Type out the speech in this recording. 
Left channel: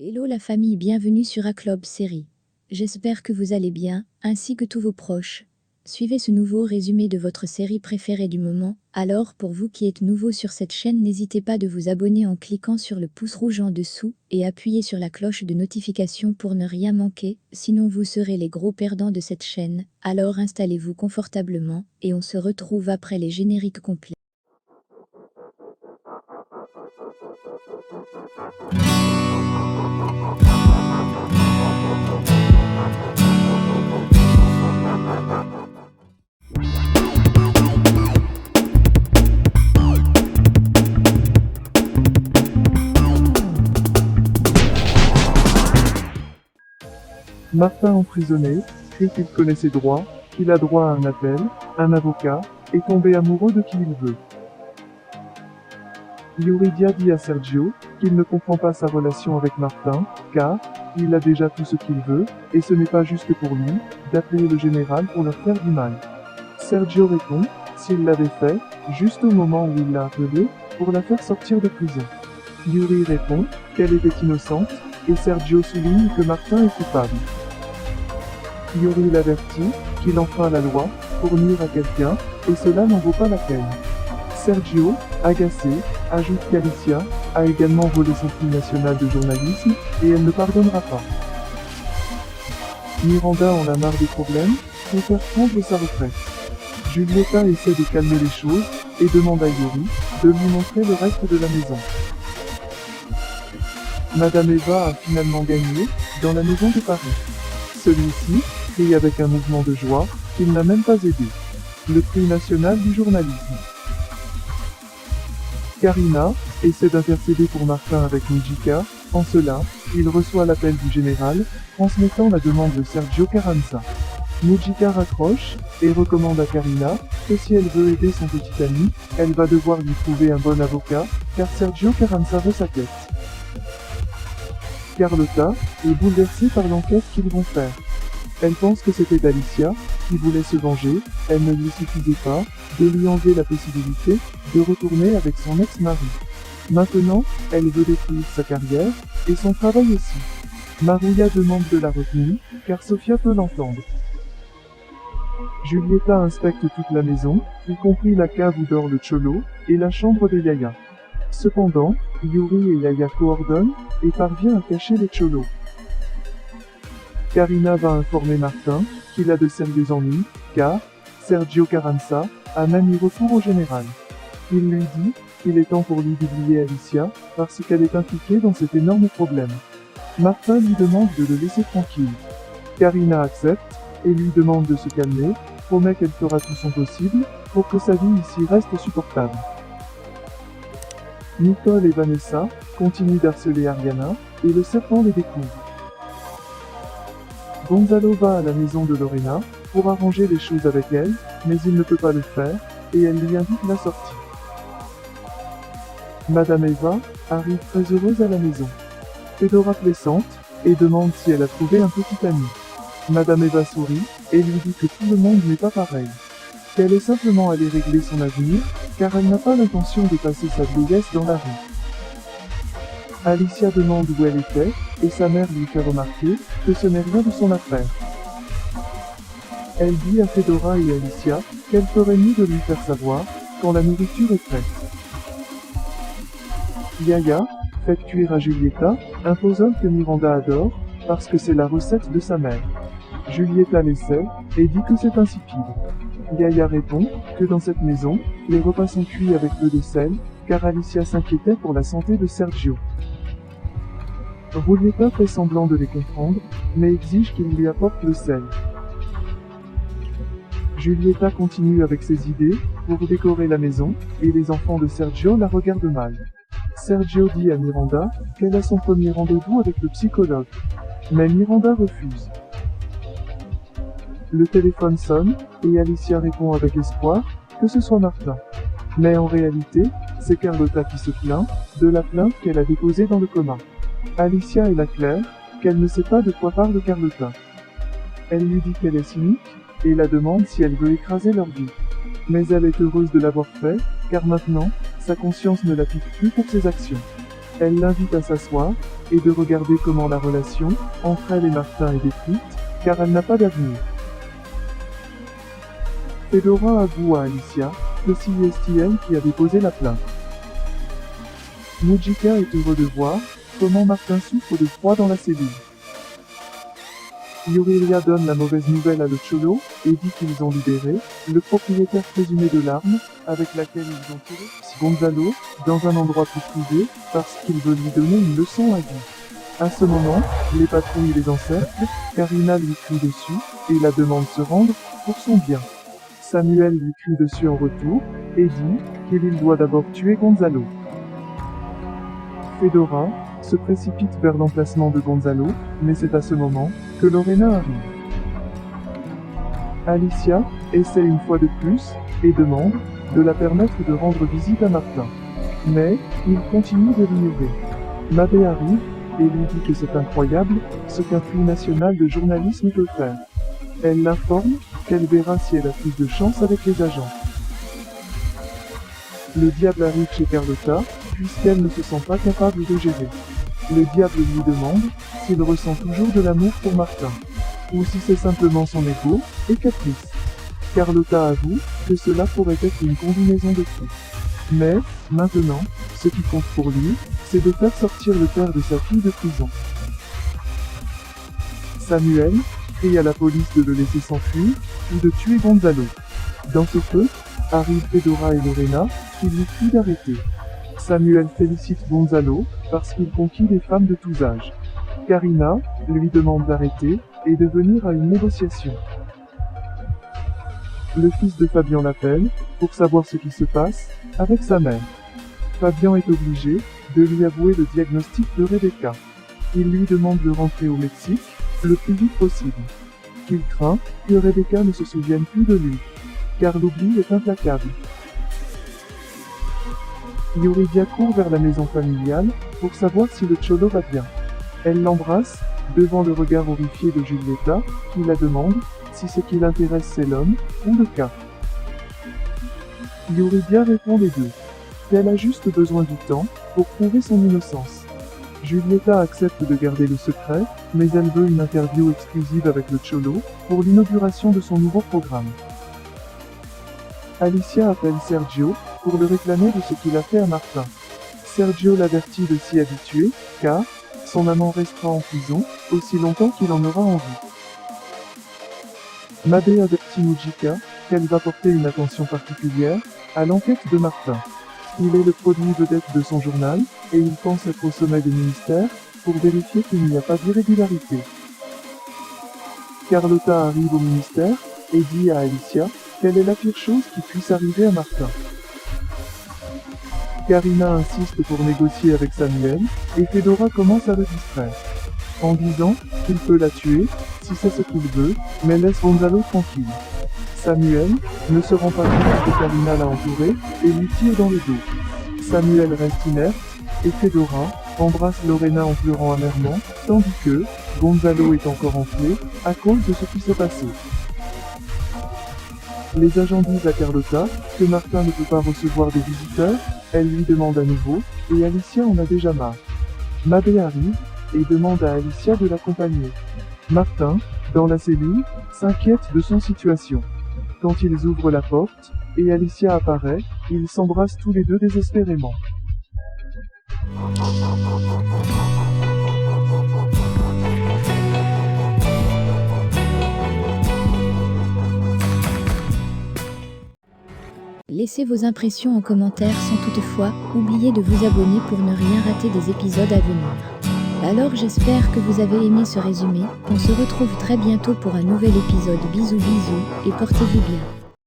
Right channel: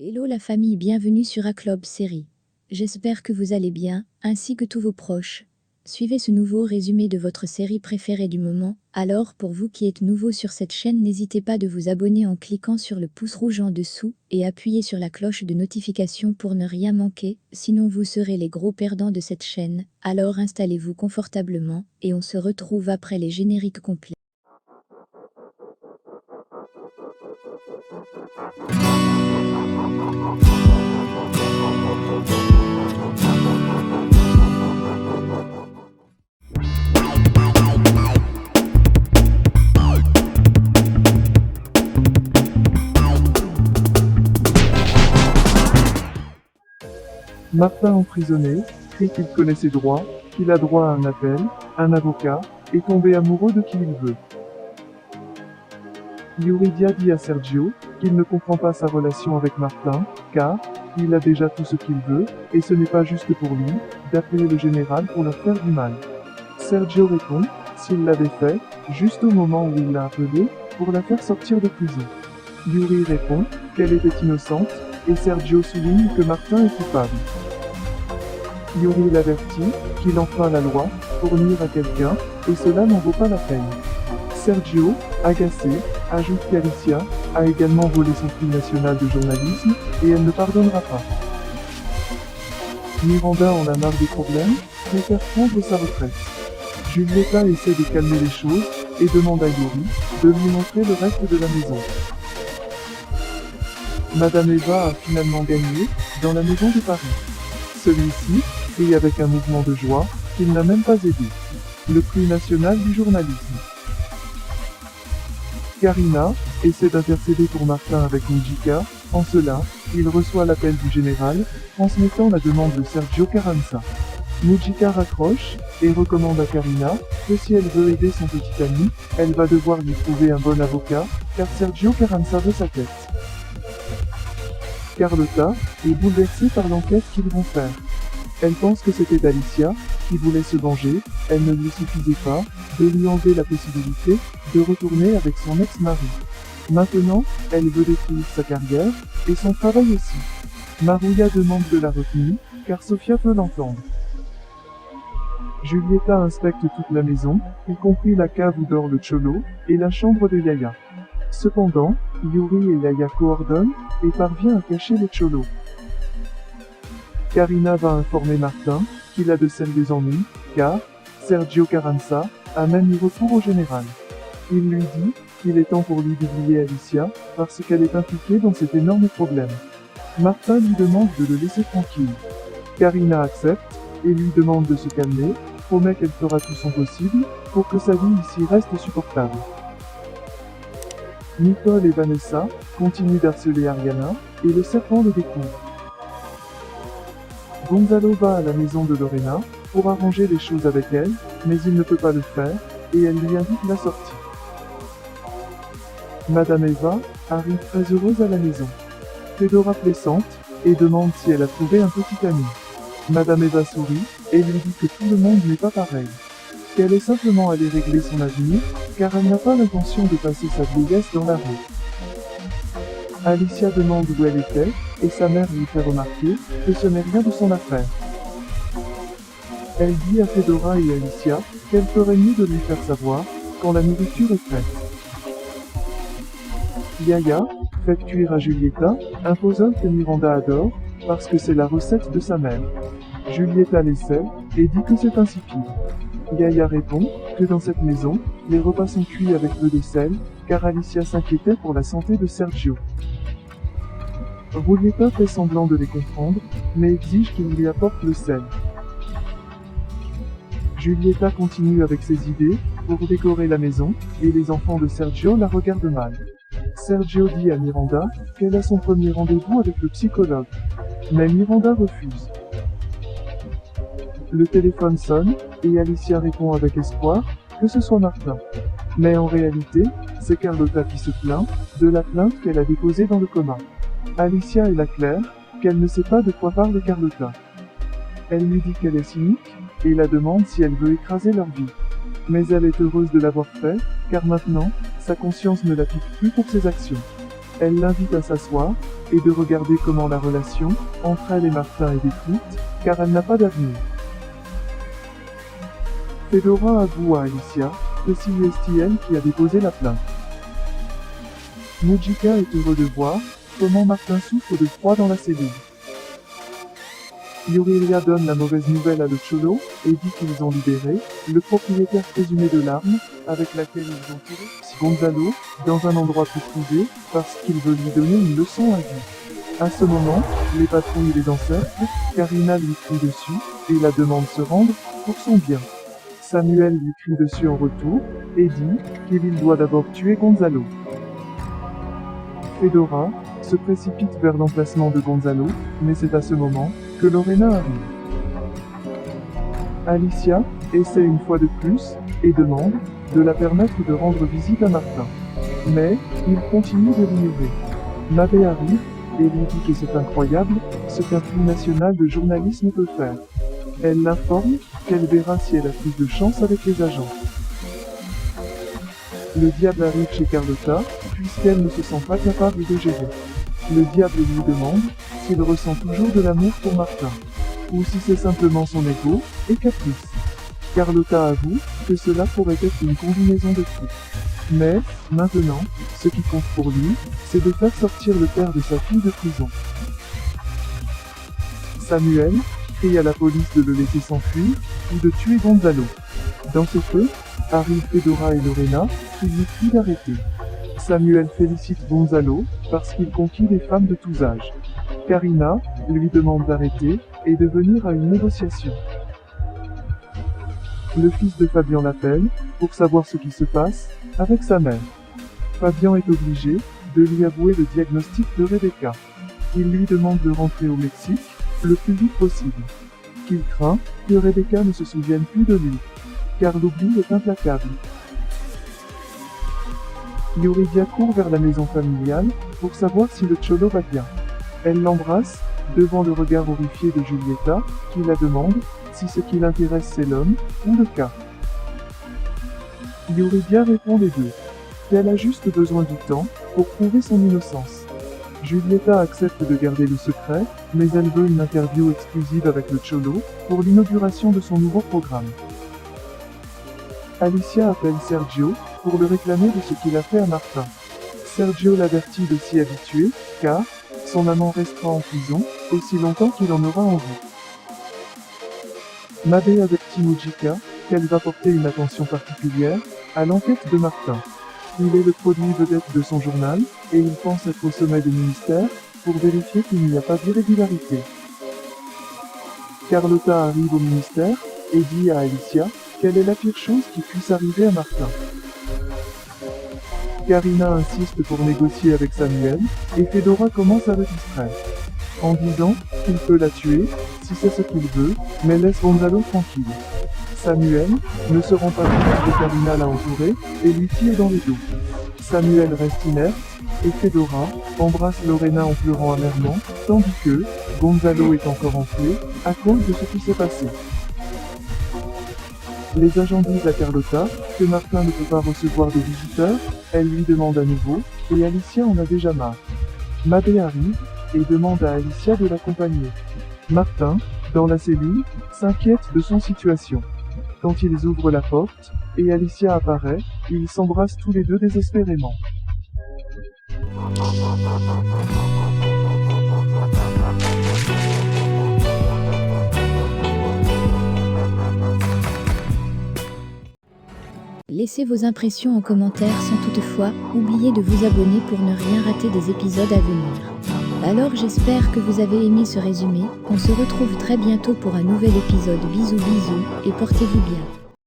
Hello la famille, bienvenue sur A-Club Série. J'espère que vous allez bien, ainsi que tous vos proches. Suivez ce nouveau résumé de votre série préférée du moment. Alors, pour vous qui êtes nouveau sur cette chaîne, n'hésitez pas de vous abonner en cliquant sur le pouce rouge en dessous et appuyez sur la cloche de notification pour ne rien manquer, sinon vous serez les gros perdants de cette chaîne. Alors installez-vous confortablement et on se retrouve après les génériques complets. Martin emprisonné, crie qu'il connaît ses droits, qu'il a droit à un appel, un avocat, et tomber amoureux de qui il veut. Yuridia dit à Sergio qu'il ne comprend pas sa relation avec Martin, car il a déjà tout ce qu'il veut, et ce n'est pas juste pour lui d'appeler le général pour leur faire du mal. Sergio répond s'il l'avait fait, juste au moment où il l'a appelé, pour la faire sortir de prison. Yuri répond qu'elle était innocente, et Sergio souligne que Martin est coupable. Yuri l'avertit qu'il enfreint la loi pour nuire à quelqu'un, et cela n'en vaut pas la peine. Sergio, agacé, ajoute qu'Alicia a également volé son prix national de journalisme, et elle ne pardonnera pas. Miranda en a marre des problèmes, préfère prendre sa retraite. Julieta essaie de calmer les choses, et demande à Yuri de lui montrer le reste de la maison. Madame Eva a finalement gagné, dans la maison de Paris. Celui-ci crie avec un mouvement de joie qu'il n'a même pas aidé. Le prix national du journalisme. Karina essaie d'intercéder pour Martin avec Nijika. En cela, il reçoit l'appel du général, transmettant la demande de Sergio Carranza. Nijika raccroche et recommande à Karina que si elle veut aider son petit ami, elle va devoir lui trouver un bon avocat, car Sergio Carranza veut sa tête. Carlotta est bouleversée par l'enquête qu'ils vont faire. Elle pense que c'était Alicia qui voulait se venger, elle ne lui suffisait pas de lui enlever la possibilité de retourner avec son ex-mari. Maintenant, elle veut détruire sa carrière et son travail aussi. Maria demande de la retenue, car Sofia peut l'entendre. Julieta inspecte toute la maison, y compris la cave où dort le Cholo et la chambre de Yaya. Cependant, Yuri et Yaya coordonnent et parvient à cacher les Cholos. Karina va informer Martin qu'il a de celles des ennuis, car Sergio Carranza a même eu recours au général. Il lui dit qu'il est temps pour lui d'oublier Alicia parce qu'elle est impliquée dans cet énorme problème. Martin lui demande de le laisser tranquille. Karina accepte et lui demande de se calmer, promet qu'elle fera tout son possible pour que sa vie ici reste supportable. Nicole et Vanessa continuent d'harceler Ariana et le serpent les découvre. Gonzalo va à la maison de Lorena pour arranger les choses avec elle, mais il ne peut pas le faire et elle lui invite la sortie. Madame Eva arrive très heureuse à la maison. Fedora plaisante et demande si elle a trouvé un petit ami. Madame Eva sourit et lui dit que tout le monde n'est pas pareil. Qu'elle est simplement allée régler son avenir, car elle n'a pas l'intention de passer sa vieillesse dans la rue. Alicia demande où elle était, et sa mère lui fait remarquer que ce n'est rien de son affaire. Elle dit à Fedora et Alicia qu'elle ferait mieux de lui faire savoir quand la nourriture est prête. Yaya fait cuire à Julieta un puzzle que Miranda adore, parce que c'est la recette de sa mère. Julieta l'essaie et dit que c'est insipide. Yaya répond que dans cette maison, les repas sont cuits avec peu de sel, car Alicia s'inquiétait pour la santé de Sergio. Julieta fait semblant de les comprendre, mais exige qu'il lui apporte le sel. Julieta continue avec ses idées pour décorer la maison, et les enfants de Sergio la regardent mal. Sergio dit à Miranda qu'elle a son premier rendez-vous avec le psychologue, mais Miranda refuse. Le téléphone sonne, et Alicia répond avec espoir que ce soit Martin. Mais en réalité, c'est Carlotta qui se plaint de la plainte qu'elle a déposée dans le commun. Alicia est la claire qu'elle ne sait pas de quoi parle Carlotta. Elle lui dit qu'elle est cynique, et la demande si elle veut écraser leur vie. Mais elle est heureuse de l'avoir fait, car maintenant, sa conscience ne la pique plus pour ses actions. Elle l'invite à s'asseoir et de regarder comment la relation entre elle et Martin est détruite, car elle n'a pas d'avenir. Fedora avoue à Alicia que c'est Estienne qui a déposé la plainte. Mujika est heureux de voir comment Martin souffre de froid dans la cellule. Yurilia donne la mauvaise nouvelle à le Cholo et dit qu'ils ont libéré le propriétaire présumé de l'arme avec laquelle ils ont tué Gonzalo dans un endroit très privé parce qu'il veut lui donner une leçon à vie. À ce moment, les patrouilles les encerclent, Karina lui crie dessus et la demande se rendre pour son bien. Samuel lui crie dessus en retour et dit qu'il doit d'abord tuer Gonzalo. Fedora se précipite vers l'emplacement de Gonzalo, mais c'est à ce moment que Lorena arrive. Alicia essaie une fois de plus et demande de la permettre de rendre visite à Martin. Mais il continue de l'ignorer. L'abbé arrive et lui dit que c'est incroyable ce qu'un prix national de journalisme peut faire. Elle l'informe qu'elle verra si elle a plus de chance avec les agents. Le diable arrive chez Carlotta, puisqu'elle ne se sent pas capable de gérer. Le diable lui demande s'il ressent toujours de l'amour pour Martin, ou si c'est simplement son ego et caprice. Carlotta avoue que cela pourrait être une combinaison de tout. Mais, maintenant, ce qui compte pour lui, c'est de faire sortir le père de sa fille de prison. Samuel crie à la police de le laisser s'enfuir ou de tuer Gonzalo. Dans ce feu, arrivent Fedora et Lorena qui lui crient d'arrêter. Samuel félicite Gonzalo parce qu'il conquit les femmes de tous âges. Karina lui demande d'arrêter et de venir à une négociation. Le fils de Fabian l'appelle pour savoir ce qui se passe avec sa mère. Fabian est obligé de lui avouer le diagnostic de Rebecca. Il lui demande de rentrer au Mexique le plus vite possible. Il craint que Rebecca ne se souvienne plus de lui, car l'oubli est implacable. Yuridia court vers la maison familiale pour savoir si le Cholo va bien. Elle l'embrasse devant le regard horrifique de Julieta qui la demande si ce qui l'intéresse c'est l'homme ou le cas. Yuridia répond les deux. Elle a juste besoin du temps pour prouver son innocence. Julieta accepte de garder le secret, mais elle veut une interview exclusive avec le Cholo pour l'inauguration de son nouveau programme. Alicia appelle Sergio pour le réclamer de ce qu'il a fait à Martin. Sergio l'avertit de s'y habituer, car son amant restera en prison aussi longtemps qu'il en aura envie. Mabel avertit Mujika qu'elle va porter une attention particulière à l'enquête de Martin. Il est le produit vedette de son journal et il pense être au sommet du ministère pour vérifier qu'il n'y a pas d'irrégularité. Carlotta arrive au ministère et dit à Alicia quelle est la pire chose qui puisse arriver à Martin. Karina insiste pour négocier avec Samuel et Fedora commence à le distraire, en disant qu'il peut la tuer si c'est ce qu'il veut, mais laisse Gonzalo tranquille. Samuel ne se rend pas compte que Karina l'a entouré et lui tire dans le dos. Samuel reste inerte et Fedora embrasse Lorena en pleurant amèrement, tandis que Gonzalo est encore enflé à cause de ce qui s'est passé. Les agents disent à Carlotta que Martin ne peut pas recevoir des visiteurs, elle lui demande à nouveau, et Alicia en a déjà marre. L'abbé arrive et demande à Alicia de l'accompagner. Martin, dans la cellule, s'inquiète de son situation. Quand ils ouvrent la porte, et Alicia apparaît, ils s'embrassent tous les deux désespérément. Laissez vos impressions en commentaire sans toutefois oublier de vous abonner pour ne rien rater des épisodes à venir. Alors j'espère que vous avez aimé ce résumé, on se retrouve très bientôt pour un nouvel épisode. Bisous bisous et portez-vous bien.